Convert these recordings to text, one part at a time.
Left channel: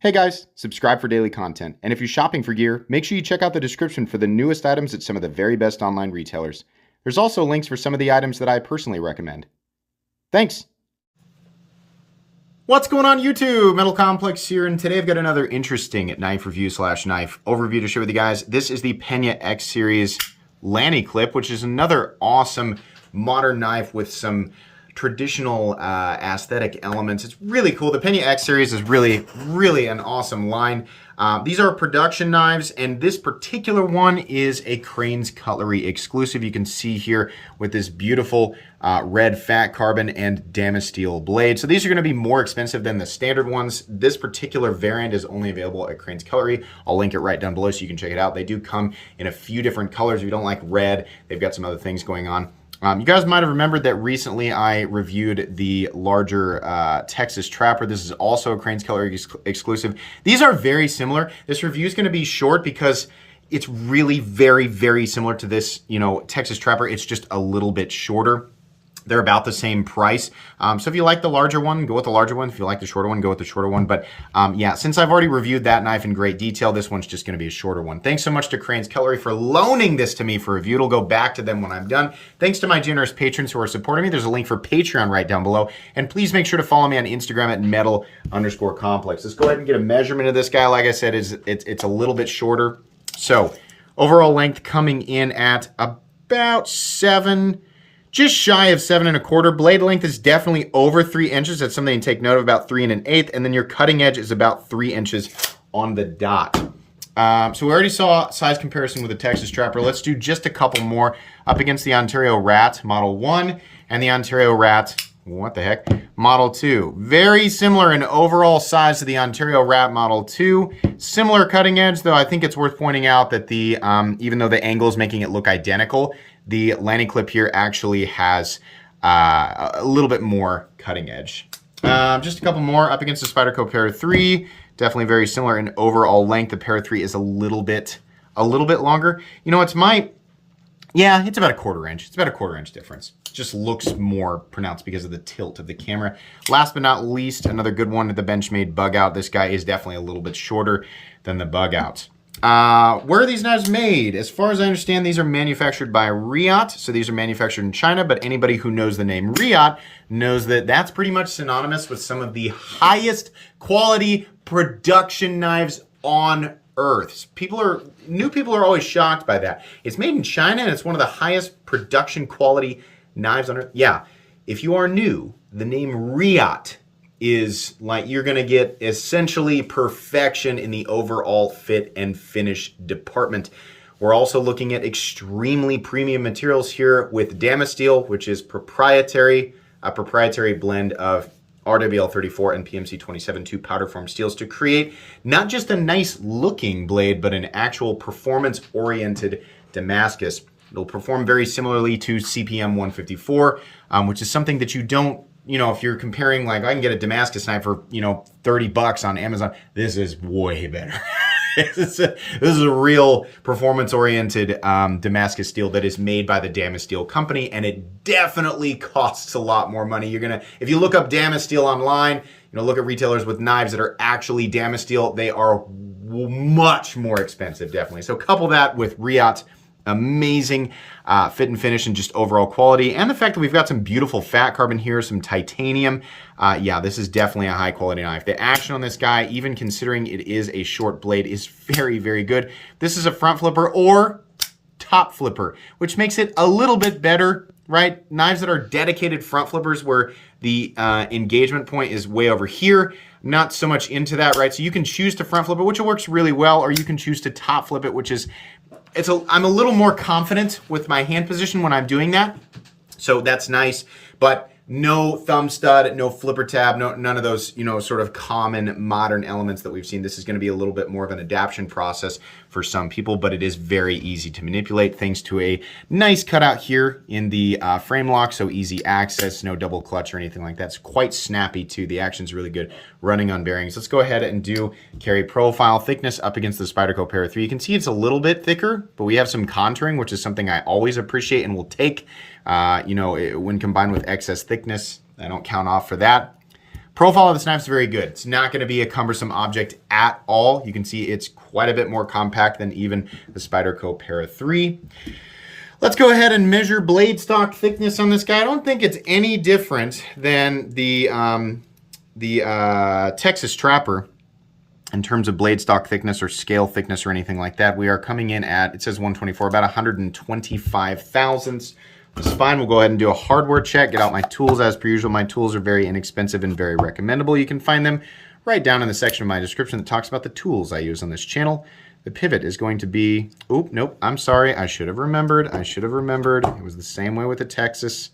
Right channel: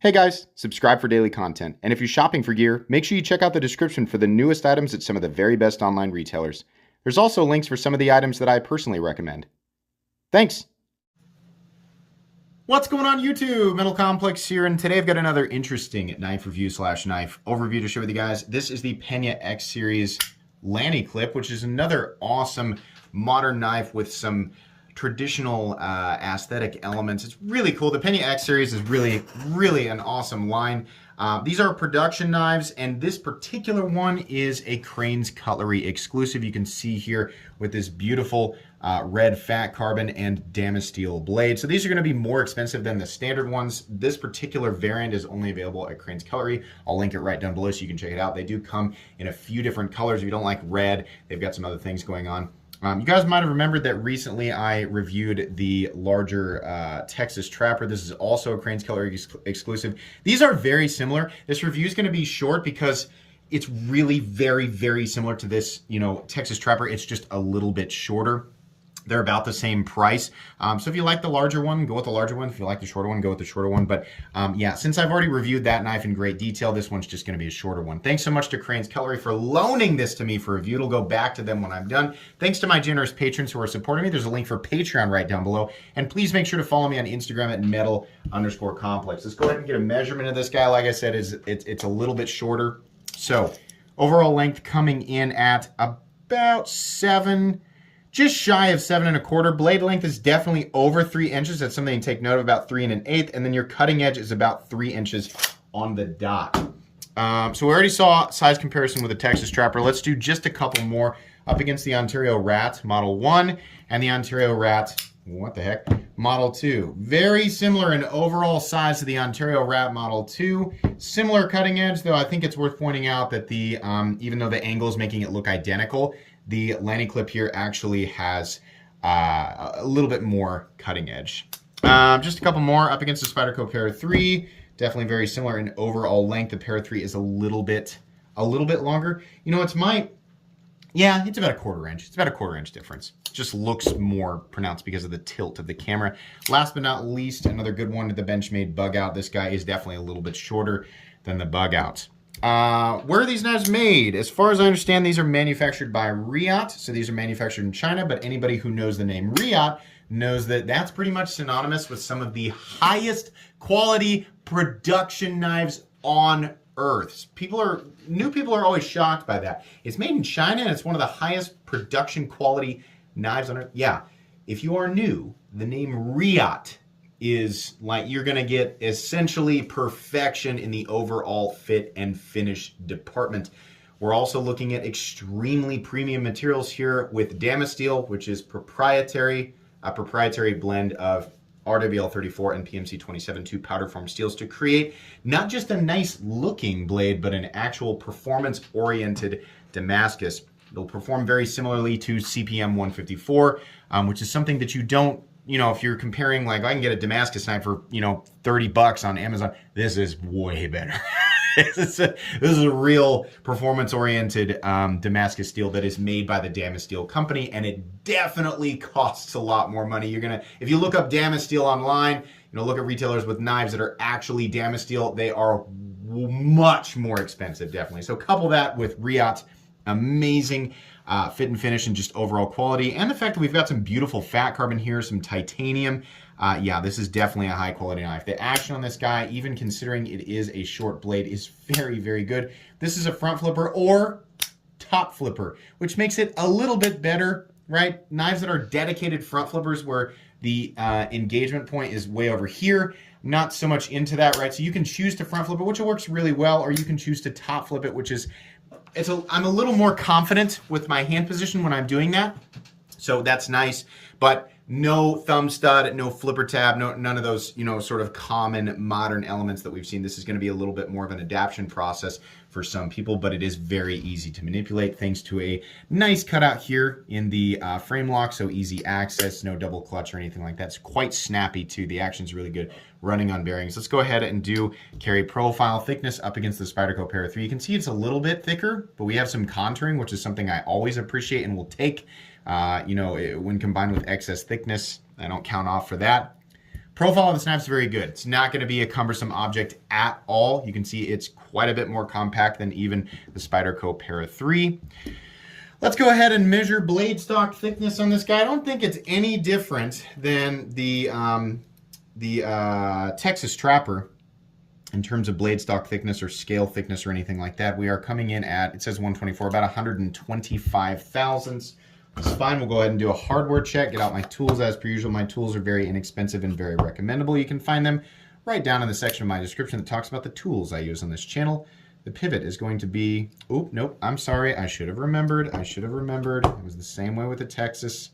Hey guys, subscribe for daily content. And if you're shopping for gear, make sure you check out the description for the newest items at some of the very best online retailers. There's also links for some of the items that I personally recommend. Thanks! What's going on YouTube? Metal Complex here, and today I've got another interesting knife review / knife overview to share with you guys. This is the Pena X series Lanny clip, which is another awesome modern knife with some traditional aesthetic elements. It's really cool. The Pena X series is really an awesome line. These are production knives, and this particular one is a Crane's Cutlery exclusive. You can see here with this beautiful red fat carbon and Damasteel blade. So these are going to be more expensive than the standard ones. This particular variant is only available at Crane's Cutlery. I'll link it right down below so you can check it out. They do come in a few different colors. If you don't like red, they've got some other things going on. You guys might have remembered that recently I reviewed the larger Texas Trapper. This is also a Crane's Cutlery exclusive. These are very similar. This review is going to be short because it's really very similar to this, Texas Trapper. It's just a little bit shorter. They're about the same price. So if you like the larger one, go with the larger one. If you like the shorter one, go with the shorter one. But yeah, since I've already reviewed that knife in great detail, this one's just gonna be a shorter one. Thanks so much to Crane's Cutlery for loaning this to me for review. It'll go back to them when I'm done. Thanks to my generous patrons who are supporting me. There's a link for Patreon right down below. And please make sure to follow me on Instagram at metal_complex. Let's go ahead and get a measurement of this guy. Like I said, it's a little bit shorter. So overall length coming in at about just shy of 7 1/4. Blade length is definitely over 3 inches. That's something to take note of, about 3 1/8. And then your cutting edge is about 3 inches on the dot. So we already saw size comparison with the Texas Trapper. Let's do just a couple more up against the Ontario Rat Model 1 and the Ontario Rat, what the heck, Model 2. Very similar in overall size to the Ontario Rat Model 2. Similar cutting edge, though I think it's worth pointing out that the even though the angle is making it look identical, the Lanny clip here actually has a little bit more cutting edge. Just a couple more up against the Spyderco Para 3. Definitely very similar in overall length. The Para 3 is a little bit longer. It's it's about a 1/4 inch. It's about a 1/4 inch difference. It just looks more pronounced because of the tilt of the camera. Last but not least, another good one, the Benchmade Bug Out. This guy is definitely a little bit shorter than the Bug Out. Where are these knives made? As far as I understand, these are manufactured by Reate. So these are manufactured in China, but anybody who knows the name Reate knows that that's pretty much synonymous with some of the highest quality production knives on earth. New people are always shocked by that. It's made in China and it's one of the highest production quality knives on earth. Yeah, if you are new, the name Reate is like you're gonna get essentially perfection in the overall fit and finish department. We're also looking at extremely premium materials here with Damasteel, which is a proprietary blend of RWL 34 and PMC 27, two powder form steels to create not just a nice looking blade, but an actual performance oriented Damascus. It'll perform very similarly to CPM 154, which is something that you don't, if you're comparing, like I can get a Damascus knife for, $30 on Amazon, this is way better. This is a real performance-oriented Damascus steel that is made by the Damasteel company, and it definitely costs a lot more money. If you look up Damasteel online, look at retailers with knives that are actually Damasteel, they are much more expensive, definitely. So couple that with Reate's amazing fit and finish and just overall quality, and the fact that we've got some beautiful fat carbon here, some titanium. Yeah, this is definitely a high quality knife. The action on this guy, even considering it is a short blade, is very good. This is a front flipper or top flipper, which makes it a little bit better, right? Knives that are dedicated front flippers where the engagement point is way over here, not so much into that, right? So you can choose to front flip it, which works really well, or you can choose to top flip it, which is, I'm a little more confident with my hand position when I'm doing that. So that's nice, but no thumb stud, no flipper tab, none of those, sort of common modern elements that we've seen. This is going to be a little bit more of an adaptation process for some people, but it is very easy to manipulate thanks to a nice cutout here in the frame lock, so easy access, no double clutch or anything like that. It's quite snappy too. The action's really good running on bearings. Let's go ahead and do carry profile thickness up against the Spyderco Para 3. You can see it's a little bit thicker, but we have some contouring, which is something I always appreciate and will take, when combined with excess thickness. I don't count off for that. Profile of this knife is very good. It's not going to be a cumbersome object at all. You can see it's quite a bit more compact than even the Spyderco Para 3. Let's go ahead and measure blade stock thickness on this guy. I don't think it's any different than the Texas Trapper in terms of blade stock thickness or scale thickness or anything like that. We are coming in at, it says 124, about 125 thousandths. That's fine. We'll go ahead and do a hardware check, get out my tools as per usual. My tools are very inexpensive and very recommendable. You can find them right down in the section of my description that talks about the tools I use on this channel. The pivot is going to be, oh, nope, I'm sorry. I should have remembered. It was the same way with the Texas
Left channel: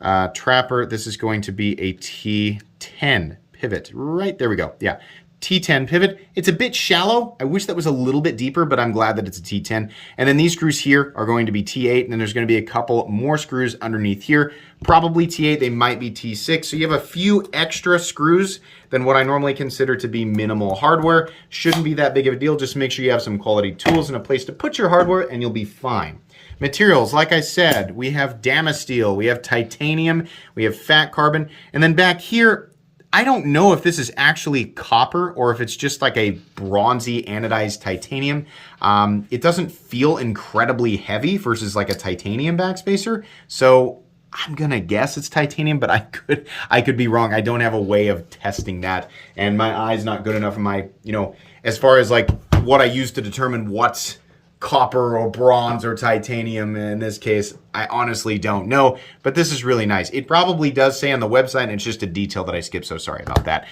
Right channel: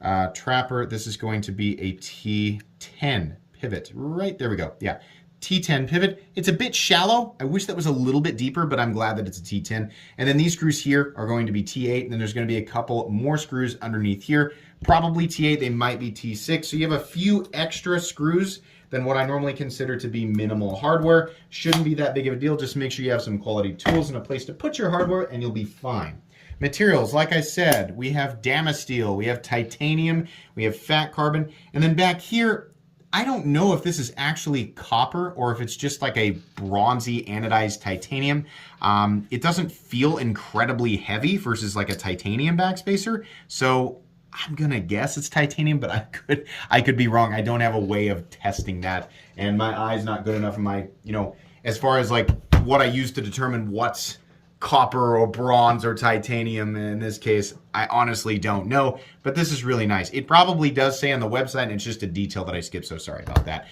Trapper. This is going to be a T10 pivot. Right, there we go. Yeah, T10 pivot. It's a bit shallow. I wish that was a little bit deeper, but I'm glad that it's a T10. And then these screws here are going to be T8, and then there's going to be a couple more screws underneath here. Probably T8, they might be T6. So you have a few extra screws than what I normally consider to be minimal hardware. Shouldn't be that big of a deal. Just make sure you have some quality tools and a place to put your hardware, and you'll be fine. Materials, like I said, we have Damasteel, we have titanium, we have fat carbon, and then back here, I don't know if this is actually copper or if it's just like a bronzy anodized titanium. It doesn't feel incredibly heavy versus like a titanium backspacer. So I'm gonna guess it's titanium, but I could be wrong. I don't have a way of testing that. And my eye's not good enough in my, as far as like what I use to determine what's copper or bronze or titanium in this case, I honestly don't know, but this is really nice. It probably does say on the website, and it's just a detail that I skipped, so sorry about that.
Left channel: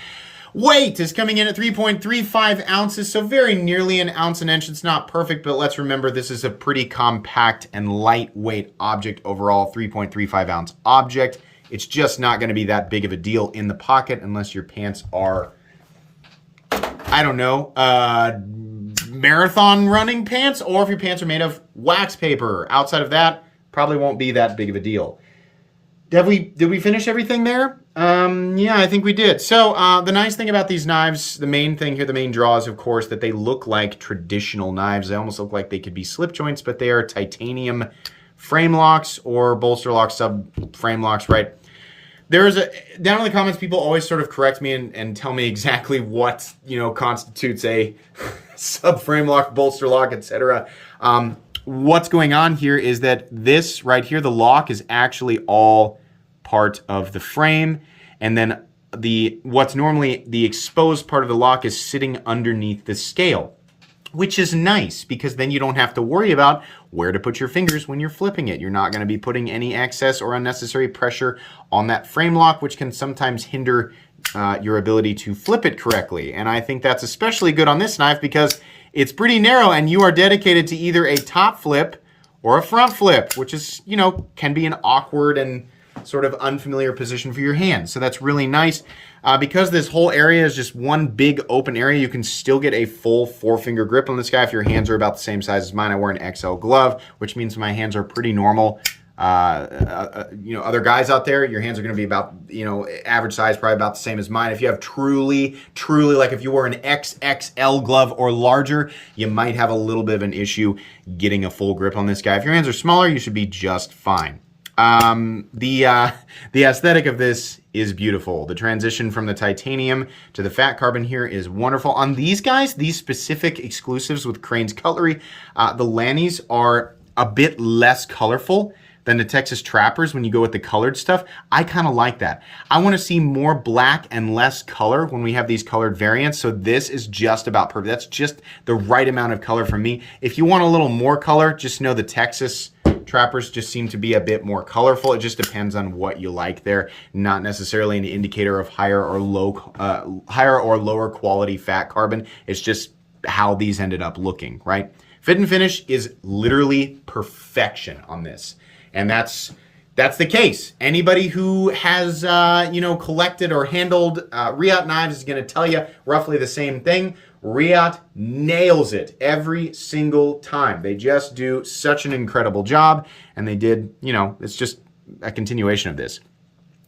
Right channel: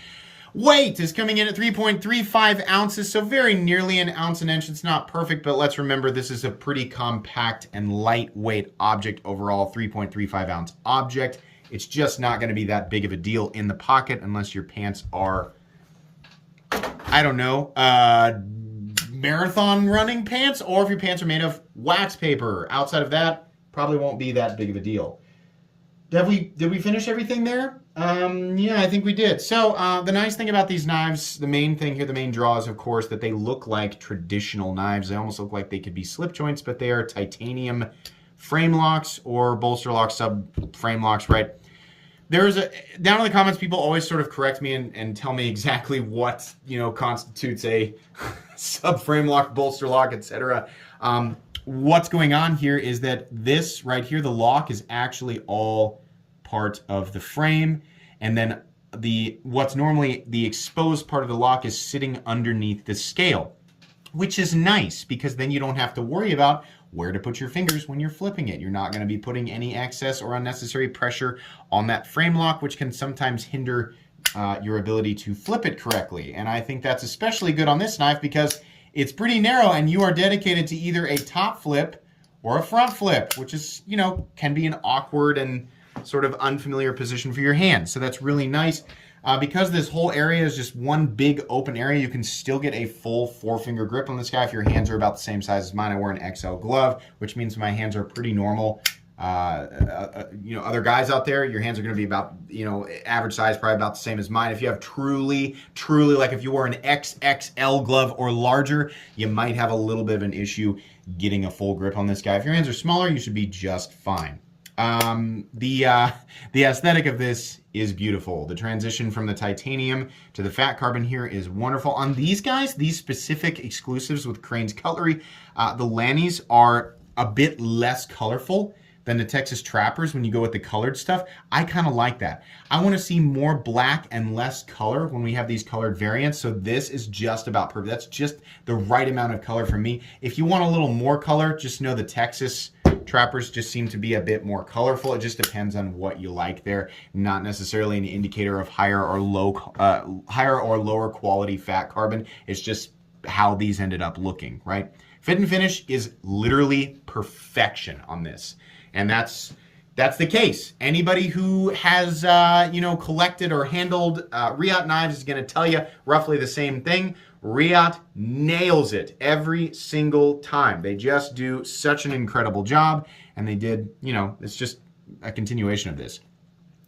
Weight is coming in at 3.35 ounces, so very nearly an ounce an inch. It's not perfect, but let's remember this is a pretty compact and lightweight object overall, 3.35 ounce object. It's just not going to be that big of a deal in the pocket unless your pants are, I don't know, marathon running pants, or if your pants are made of wax paper. Outside of that, probably won't be that big of a deal. Did we finish everything there? Yeah, I think we did. So the nice thing about these knives, the main thing here, the main draw is, of course, that they look like traditional knives. They almost look like they could be slip joints, but they are titanium frame locks or bolster locks, sub frame locks, right? There's down in the comments, people always sort of correct me and tell me exactly what, constitutes a subframe lock, bolster lock, etc. What's going on here is that this right here, the lock, is actually all part of the frame, and then what's normally the exposed part of the lock is sitting underneath the scale, which is nice because then you don't have to worry about where to put your fingers when you're flipping it. You're not going to be putting any excess or unnecessary pressure on that frame lock, which can sometimes hinder your ability to flip it correctly. And I think that's especially good on this knife because it's pretty narrow and you are dedicated to either a top flip or a front flip, which is, can be an awkward and sort of unfamiliar position for your hands. So that's really nice. Because this whole area is just one big open area, you can still get a full 4-finger grip on this guy if your hands are about the same size as mine. I wear an XL glove, which means my hands are pretty normal. Other guys out there, your hands are going to be about, average size, probably about the same as mine. If you have truly, like if you wore an XXL glove or larger, you might have a little bit of an issue getting a full grip on this guy. If your hands are smaller, you should be just fine. The aesthetic of this is beautiful. The transition from the titanium to the fat carbon here is wonderful. On these guys, these specific exclusives with Crane's Cutlery, the Lannys are a bit less colorful than the Texas Trappers when you go with the colored stuff. I kind of like that. I want to see more black and less color when we have these colored variants, so this is just about perfect. That's just the right amount of color for me. If you want a little more color, just know the Texas Trappers just seem to be a bit more colorful. It just depends on what you like there, not necessarily an indicator of higher or lower quality fat carbon. It's just how these ended up looking, right? Fit and finish is literally perfection on this. And that's the case. Anybody who has, collected or handled reate knives is going to tell you roughly the same thing. Reate nails it every single time. They just do such an incredible job. And they did, it's just a continuation of this.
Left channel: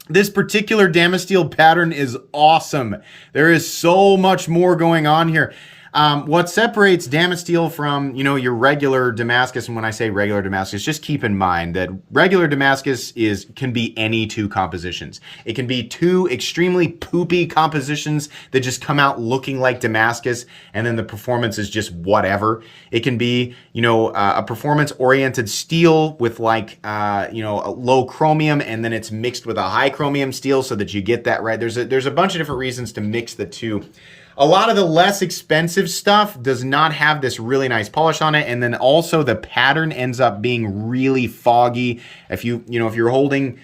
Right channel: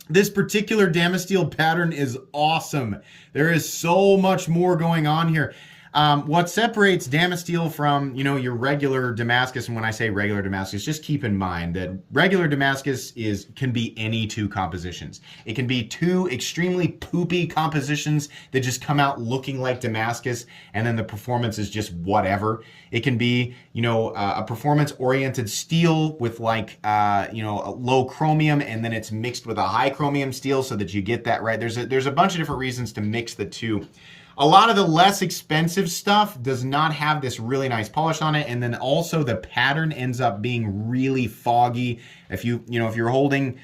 This particular Damasteel pattern is awesome. There is so much more going on here. What separates Damasteel from, your regular Damascus, and when I say regular Damascus, just keep in mind that regular Damascus can be any two compositions. It can be two extremely poopy compositions that just come out looking like Damascus, and then the performance is just whatever. It can be, a performance-oriented steel with like, a low chromium, and then it's mixed with a high chromium steel so that you get that right. There's a bunch of different reasons to mix the two. A lot of the less expensive stuff does not have this really nice polish on it, and then also the pattern ends up being really foggy. If you're holding,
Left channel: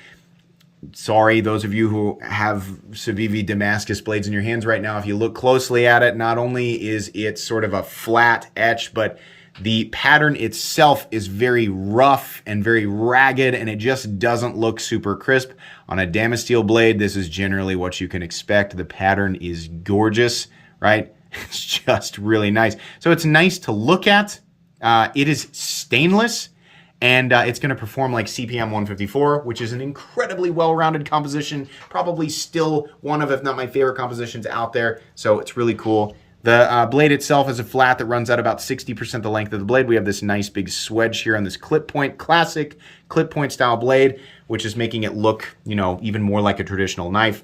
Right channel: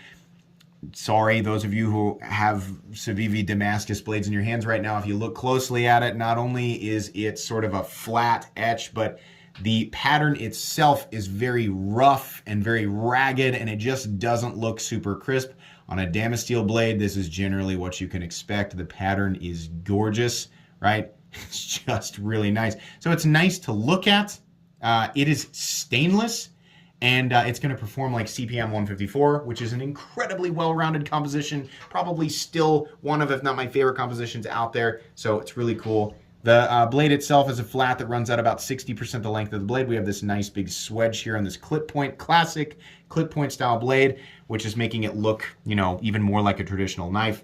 sorry, those of you who have Civivi Damascus blades in your hands right now, if you look closely at it, not only is it sort of a flat etch, but the pattern itself is very rough and very ragged, and it just doesn't look super crisp. On a Damasteel blade, this is generally what you can expect. The pattern is gorgeous, right? It's just really nice. So it's nice to look at. It is stainless, and it's going to perform like CPM 154, which is an incredibly well-rounded composition, probably still one of, if not my favorite compositions out there. So it's really cool. The blade itself is a flat that runs out about 60% the length of the blade. We have this nice big swedge here on this clip point, classic clip point style blade, which is making it look, even more like a traditional knife.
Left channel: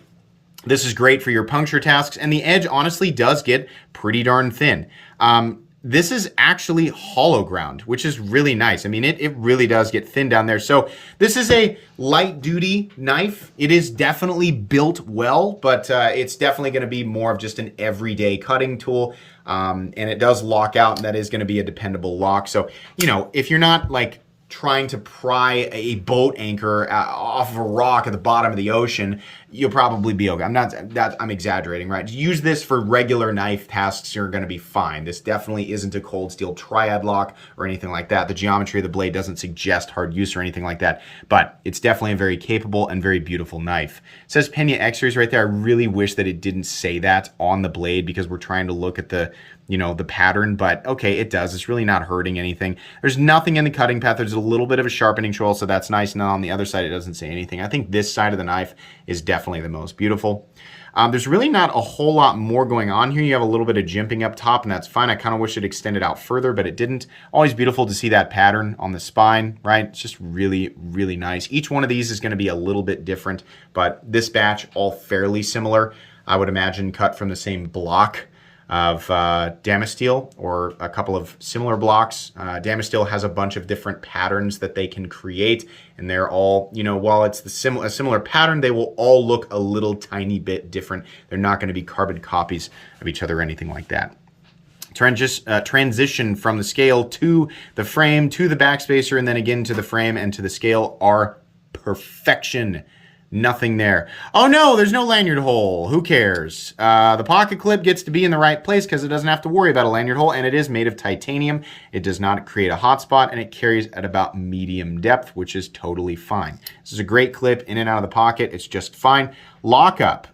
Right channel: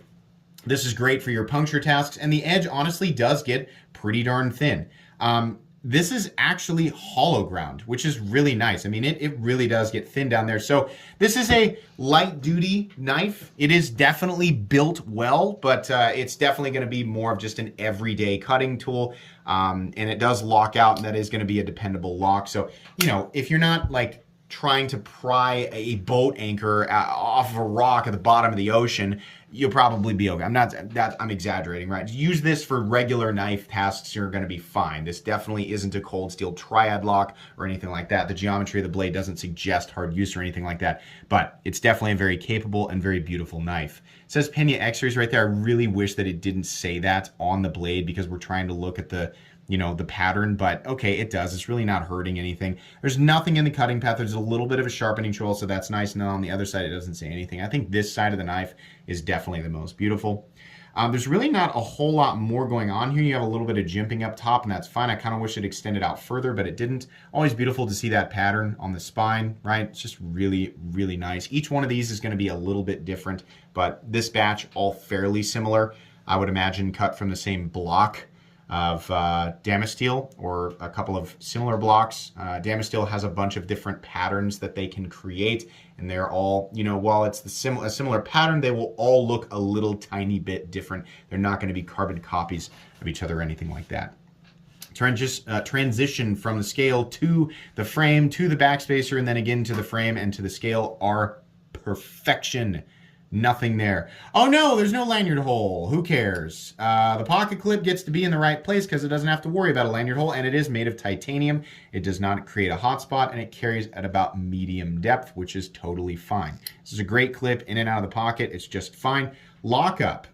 This is great for your puncture tasks, and the edge honestly does get pretty darn thin. This is actually hollow ground, which is really nice. I mean, it really does get thin down there. So this is a light duty knife. It is definitely built well, but it's definitely going to be more of just an everyday cutting tool. And it does lock out, and that is going to be a dependable lock. So, if you're not like trying to pry a boat anchor off of a rock at the bottom of the ocean, you'll probably be okay. I'm exaggerating, right? Use this for regular knife tasks, you're going to be fine. This definitely isn't a cold steel triad lock or anything like that. The geometry of the blade doesn't suggest hard use or anything like that, but it's definitely a very capable and very beautiful knife. It says Pena X Series right there. I really wish that it didn't say that on the blade because we're trying to look at the pattern, but okay, it does. It's really not hurting anything. There's nothing in the cutting path. There's a little bit of a sharpening tool, so that's nice. And then on the other side, it doesn't say anything. I think this side of the knife is definitely the most beautiful. There's really not a whole lot more going on here. You have a little bit of jimping up top, and that's fine. I kind of wish it extended out further, but it didn't. Always beautiful to see that pattern on the spine, right? It's just really, really nice. Each one of these is going to be a little bit different, but this batch, all fairly similar. I would imagine cut from the same block of Damasteel, or a couple of similar blocks. Damasteel has a bunch of different patterns that they can create, and they're all, while it's a similar pattern, they will all look a little tiny bit different. They're not going to be carbon copies of each other or anything like that. Transition from the scale to the frame, to the backspacer, and then again to the frame and to the scale are perfection. Nothing there. Oh no, there's no lanyard hole. Who cares? The pocket clip gets to be in the right place because it doesn't have to worry about a lanyard hole, and it is made of titanium. It does not create a hot spot, and it carries at about medium depth, which is totally fine. This is a great clip in and out of the pocket. It's just fine. Lockup.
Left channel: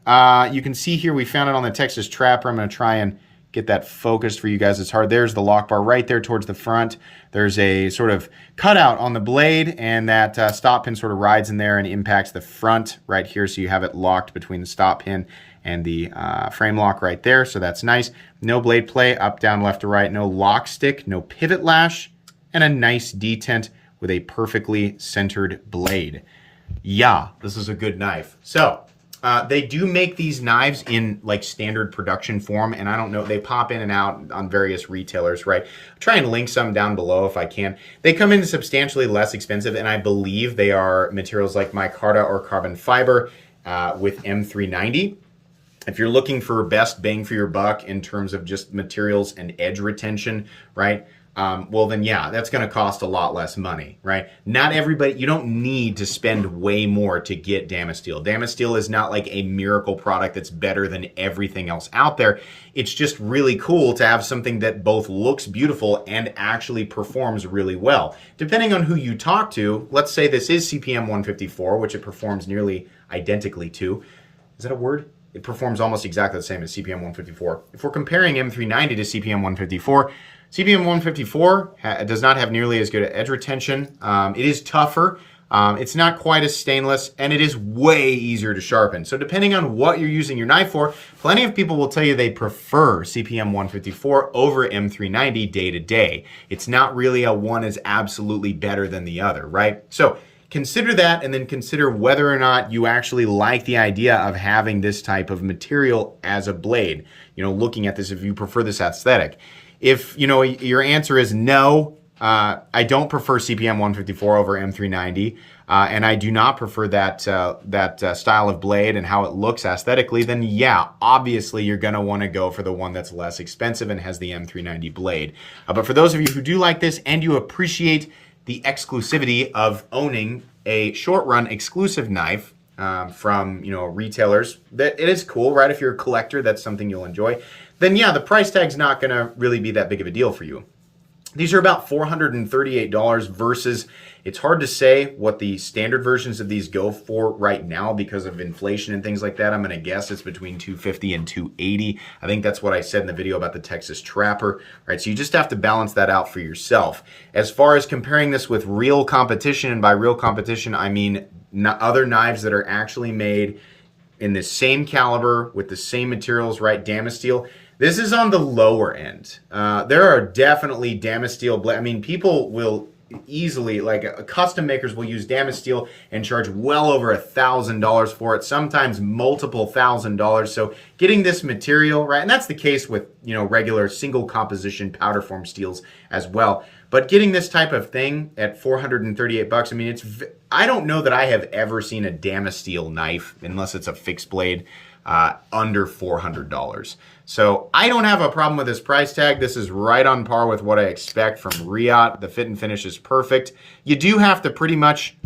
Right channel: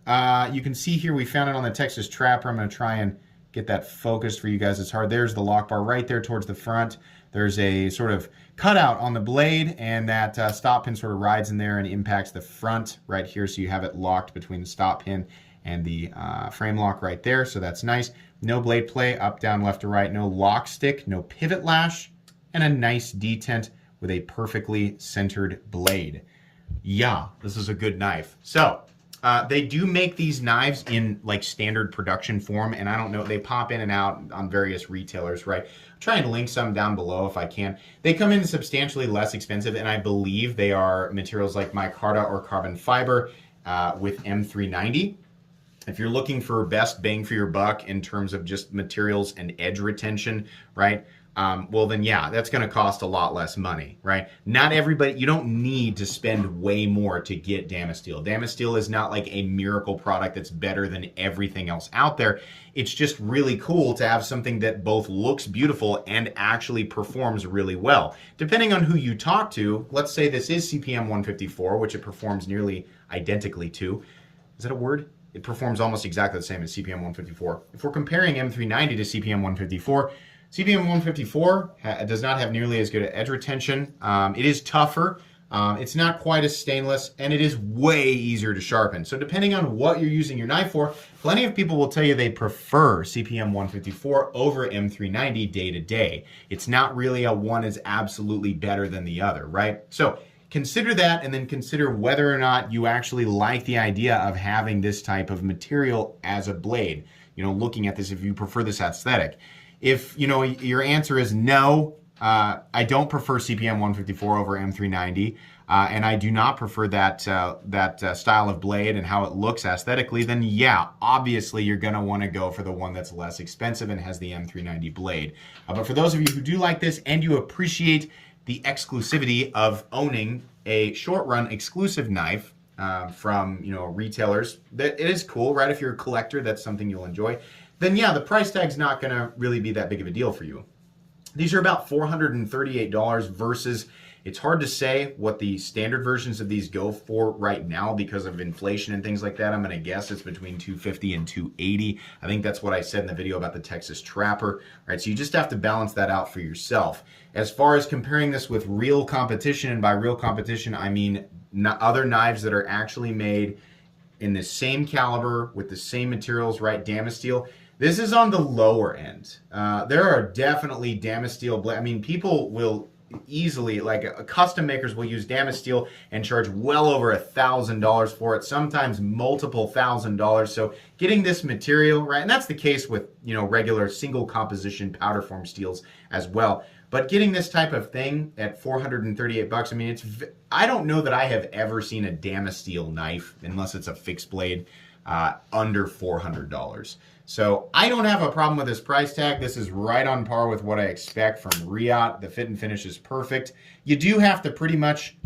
You can see here we found it on the Texas Trapper. I'm going to try and get that focused for you guys. It's hard. There's the lock bar right there towards the front. There's a sort of cutout on the blade, and that stop pin sort of rides in there and impacts the front right here. So you have it locked between the stop pin and the frame lock right there. So that's nice. No blade play, up, down, left to right. No lock stick, no pivot lash, and a nice detent with a perfectly centered blade. Yeah, this is a good knife. So they do make these knives in like standard production form, and I don't know, they pop in and out on various retailers, right? I'll try and link some down below if I can. They come in substantially less expensive, and I believe they are materials like micarta or carbon fiber with M390. If you're looking for best bang for your buck in terms of just materials and edge retention, right? Well then, yeah, that's going to cost a lot less money, right? Not everybody, you don't need to spend way more to get Damasteel. Damasteel is not like a miracle product that's better than everything else out there. It's just really cool to have something that both looks beautiful and actually performs really well. Depending on who you talk to, let's say this is CPM 154, which it performs nearly identically to. Is that a word? It performs almost exactly the same as CPM 154. If we're comparing M390 to CPM 154, CPM 154 does not have nearly as good edge retention. It is tougher. It's not quite as stainless, and it is way easier to sharpen. So depending on what you're using your knife for, plenty of people will tell you they prefer CPM 154 over M390 day to day. It's not really a one is absolutely better than the other, right? So consider that, and then consider whether or not you actually like the idea of having this type of material as a blade. You know, looking at this, if you prefer this aesthetic. If, you know, your answer is no, I don't prefer CPM 154 over M390, and I do not prefer that style of blade and how it looks aesthetically, then yeah, obviously you're going to want to go for the one that's less expensive and has the M390 blade. But for those of you who do like this and you appreciate the exclusivity of owning a short-run exclusive knife from, you know, retailers, that it is cool, right? If you're a collector, that's something you'll enjoy. Then yeah, the price tag's not going to really be that big of a deal for you. These are about $438 versus, it's hard to say what the standard versions of these go for right now because of inflation and things like that. I'm going to guess it's between $250 and $280. I think that's what I said in the video about the Texas Trapper, right? So you just have to balance that out for yourself. As far as comparing this with real competition, and by real competition, I mean other knives that are actually made in the same caliber with the same materials, right? Damasteel. This is on the lower end. There are definitely Damasteel blades. I mean, people will easily, like custom makers will use Damasteel and charge well over $1,000 for it, sometimes multiple $1,000. So getting this material, right, and that's the case with, you know, regular single composition powder form steels as well. But getting this type of thing at 438 bucks, I mean, I don't know that I have ever seen a Damasteel knife, unless it's a fixed blade, under $400. So I don't have a problem with this price tag. This is right on par with what I expect from reate. The fit and finish is perfect. You do have to pretty much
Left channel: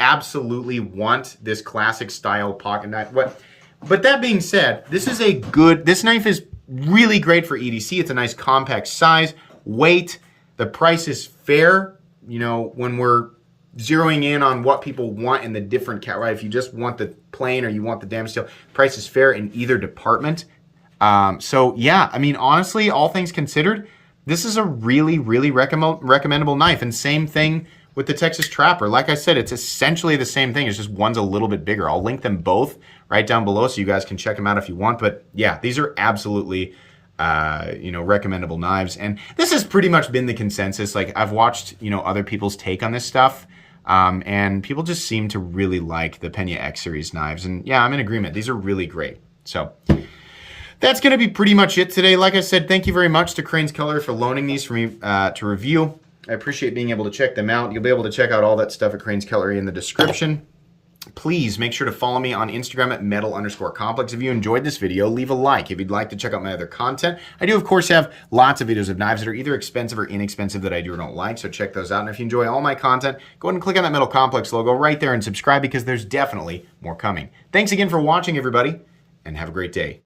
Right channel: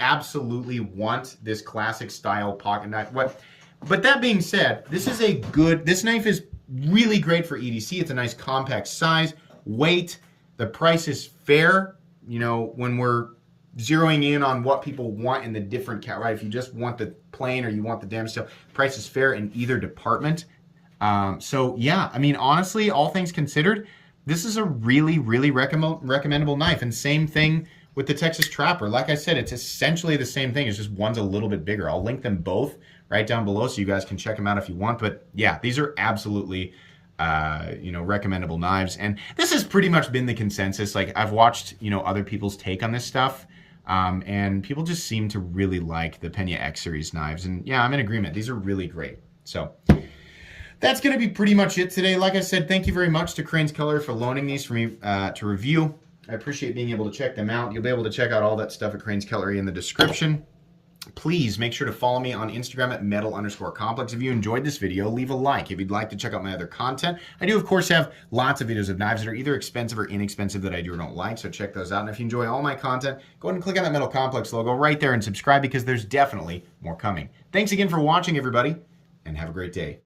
absolutely want this classic style pocket knife. But that being said, this knife is really great for EDC. It's a nice compact size, weight. The price is fair, you know, when we're zeroing in on what people want in the different right? If you just want the plain or you want the Damasteel, price is fair in either department. So yeah, I mean, honestly, all things considered, this is a really, really recommendable knife. And same thing with the Texas Trapper. Like I said, it's essentially the same thing. It's just one's a little bit bigger. I'll link them both right down below so you guys can check them out if you want. But yeah, these are absolutely, you know, recommendable knives. And this has pretty much been the consensus. Like I've watched, you know, other people's take on this stuff. And people just seem to really like the Pena X series knives. And yeah, I'm in agreement. These are really great. So that's going to be pretty much it today. Like I said, thank you very much to Crane's Cutlery for loaning these for me to review. I appreciate being able to check them out. You'll be able to check out all that stuff at Crane's Cutlery in the description. Please make sure to follow me on Instagram at metal_complex. If you enjoyed this video, leave a like. If you'd like to check out my other content, I do, of course, have lots of videos of knives that are either expensive or inexpensive that I do or don't like, so check those out. And if you enjoy all my content, go ahead and click on that Metal Complex logo right there and subscribe because there's definitely more coming. Thanks again for watching, everybody, and have a great day.